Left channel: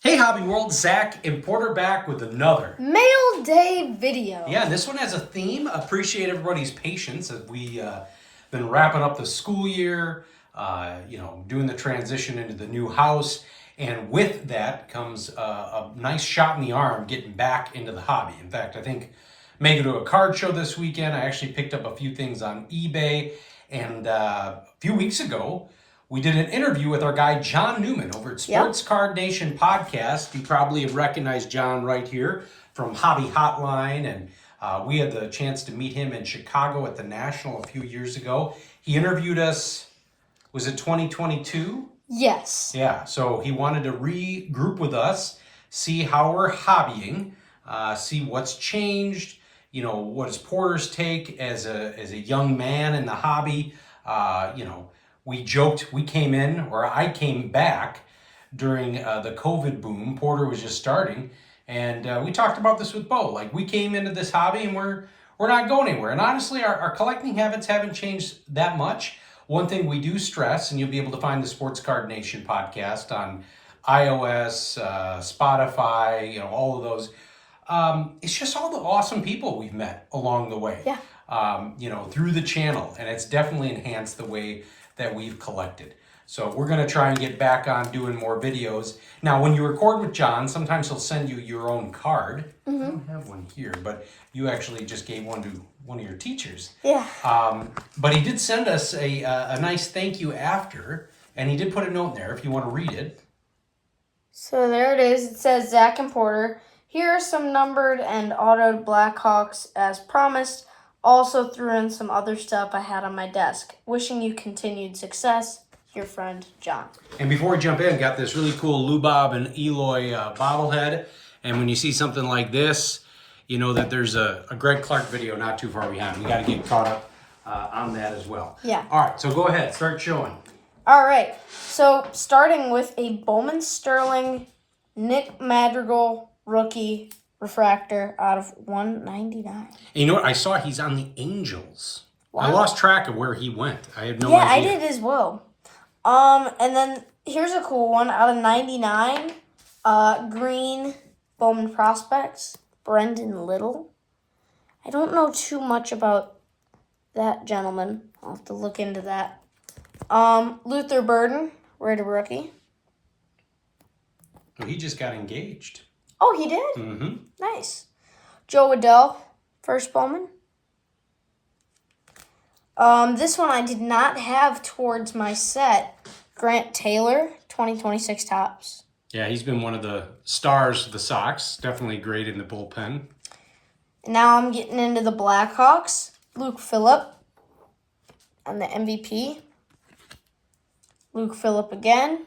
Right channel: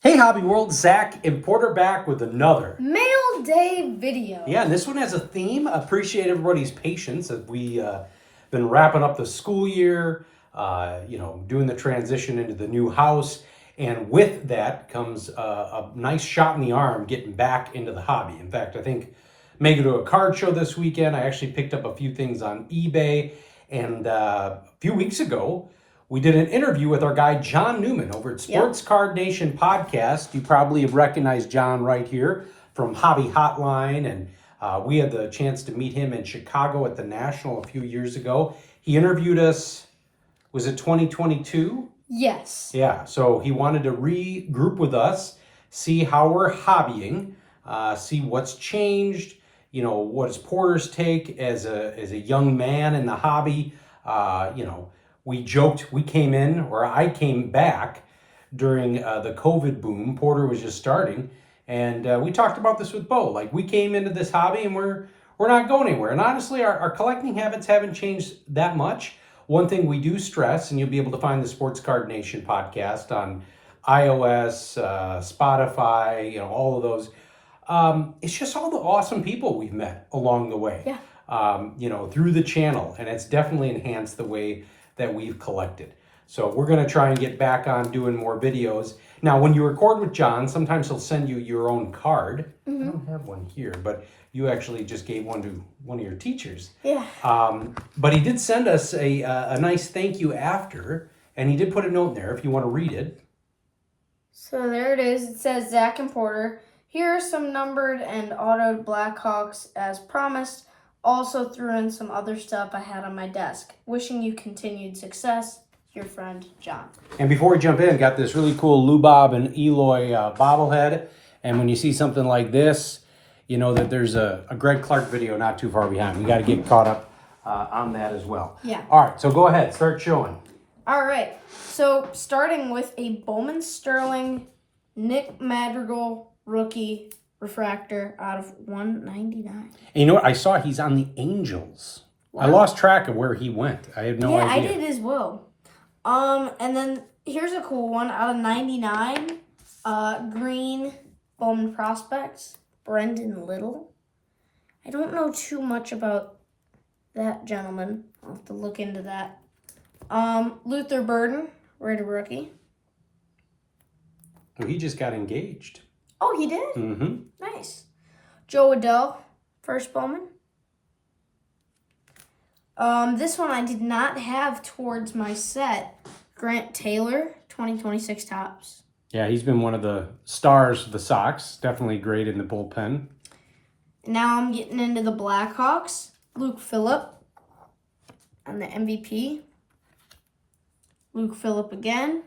Hey Hobby World, Zach and Porter back with another Mail Day video. Yeah, and this one has a theme. Appreciate everybody's patience as we been wrapping up the school year, doing the transition into the new house. And with that comes a nice shot in the arm getting back into the hobby. In fact, I think making to a card show this weekend. I actually picked up a few things on eBay. And a few weeks ago, we did an interview with our guy, John Newman, over at Sports Card Nation Podcast. You probably have recognized John right here from Hobby Hotline. And we had the chance to meet him in Chicago at the National a few years ago. He interviewed us, was it 2022? Yes. Yeah, so he wanted to regroup with us, see how we're hobbying, see what's changed, what is Porter's take as a young man in the hobby. We joked, I came back during the COVID boom. Porter was just starting, and we talked about this with Bo. Like, we came into this hobby and we're not going anywhere. And honestly, our collecting habits haven't changed that much. One thing we do stress, and you'll be able to find the Sports Card Nation podcast on iOS, Spotify, all of those. It's just all the awesome people we've met along the way. Yeah. Through the channel, and it's definitely enhanced the way that we've collected. So we're going to try and get back on doing more videos. Now, when you record with John, sometimes he'll send you your own card. I don't have one here, but you actually just gave one to one of your teachers. Yeah. But he did send us a nice thank you after, and he did put a note in there if you want to read it. So there it is. It says, Zach and Porter, here are some numbered and autoed Blackhawks as promised. Also threw in some other stuff I had on my desk. Wishing you continued success. Your friend, John. And before we jump in, got this really cool Lubob and Eloy bobblehead. And when you see something like this, you know that there's a Greg Clark video not too far behind. We got to get caught up on that as well. Yeah. All right, so go ahead. Start showing. All right. So starting with a Bowman Sterling Nick Madrigal rookie refractor out of 199. And you know what? I saw he's on the Angels. Wow. I lost track of where he went. I have no idea. Yeah, I did as well. And then here's a cool one out of 99. Green Bowman Prospects, Brendan Little. I don't know too much about that gentleman. I'll have to look into that. Luther Burden, right, a rookie. Well, he just got engaged. Oh, he did? Mm-hmm. Nice. Joe Adell, first Bowman. This one I did not have towards my set. Grant Taylor, 2026 Topps. Yeah, he's been one of the stars of the Sox. Definitely great in the bullpen. Now I'm getting into the Blackhawks. Luke Phillip on the MVP. Luke Phillip again.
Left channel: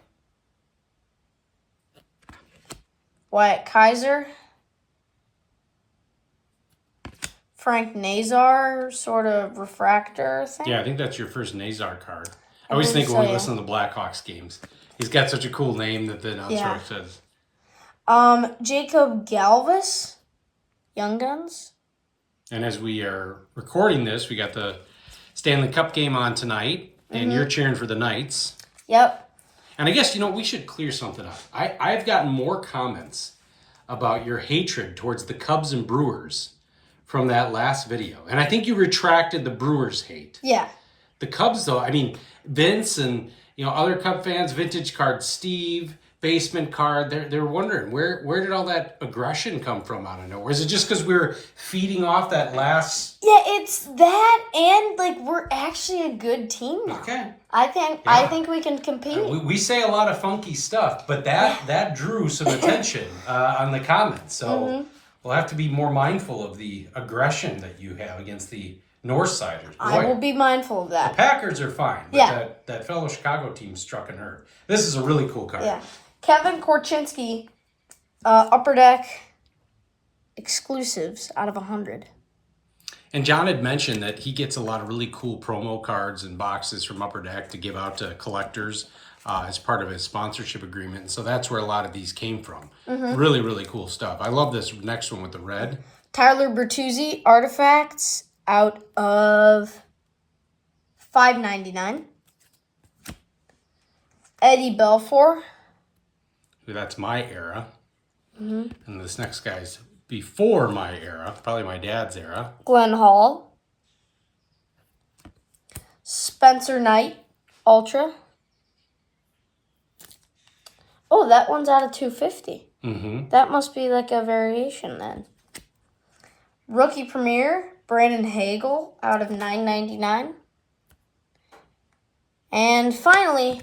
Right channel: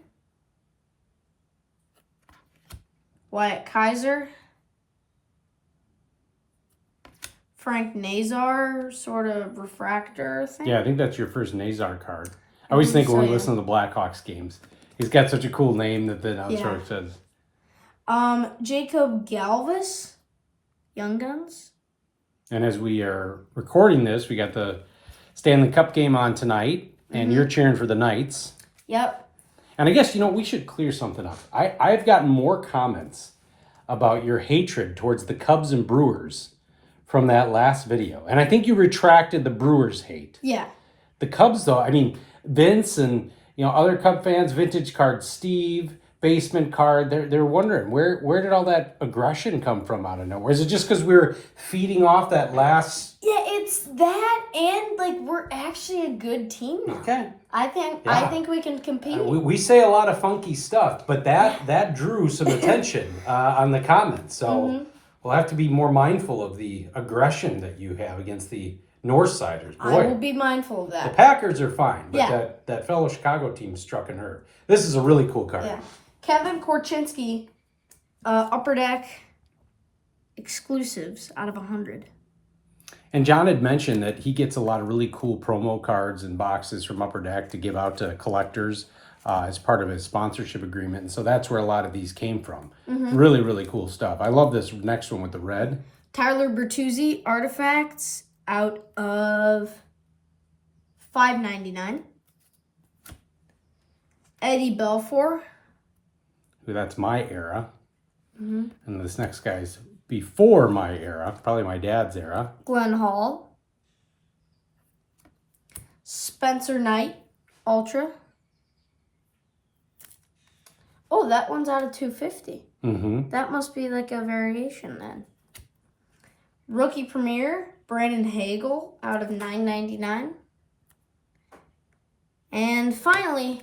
Wyatt Kaiser. Frank Nazar, sort of refractor thing. Yeah, I think that's your first Nazar card. I always think when we listen to the Blackhawks games, he's got such a cool name that the announcer says. Jacob Galvis, Young Guns. And as we are recording this, we got the Stanley Cup game on tonight, and you're cheering for the Knights. Yep. And I guess, we should clear something up. I've gotten more comments about your hatred towards the Cubs and Brewers from that last video. And I think you retracted the Brewers hate. Yeah. The Cubs, though, Vince and, other Cub fans, Vintage Card Steve, Basement Card, they're wondering, where did all that aggression come from out of nowhere? Is it just because we were feeding off that last... Yeah, it's that, and, we're actually a good team now. Okay. I think we can compete. We say a lot of funky stuff, but that drew some attention on the comments. So we'll have to be more mindful of the aggression that you have against the Northsiders. Boy, I will be mindful of that. The Packers are fine, but that fellow Chicago team struck a nerve. This is a really cool card. Yeah. Kevin Korchinski, Upper Deck exclusives out of 100. And John had mentioned that he gets a lot of really cool promo cards and boxes from Upper Deck to give out to collectors as part of his sponsorship agreement. And so that's where a lot of these came from. Really, really cool stuff. I love this next one with the red. Tyler Bertuzzi, Artifacts out of $5.99. Eddie Belfour. That's my era. Mm-hmm. And this next guy's before my era, probably my dad's era. Glenn Hall. Spencer Knight, Ultra. Oh, that one's out of 250. Mm-hmm. That must be like a variation then. Rookie Premier, Brandon Hagel, out of 999. And finally,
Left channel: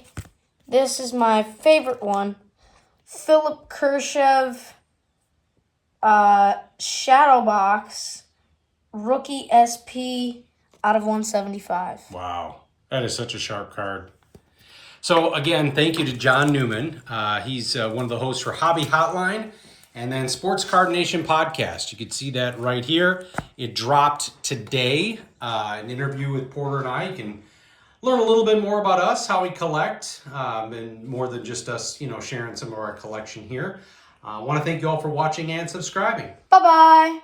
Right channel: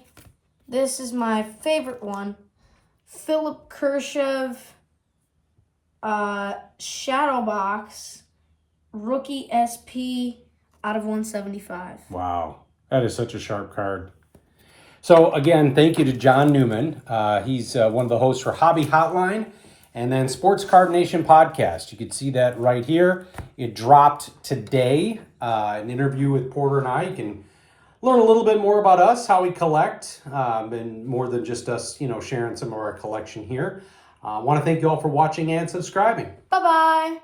this is my favorite one. Philip Kershev, Shadow Box, Rookie SP, out of 175. Wow. That is such a sharp card. So again, thank you to John Newman. He's one of the hosts for Hobby Hotline and then Sports Card Nation podcast. You can see that right here. It dropped today. An interview with Porter and I. You can learn a little bit more about us, how we collect, and more than just us, sharing some of our collection here. I want to thank you all for watching and subscribing. Bye-bye.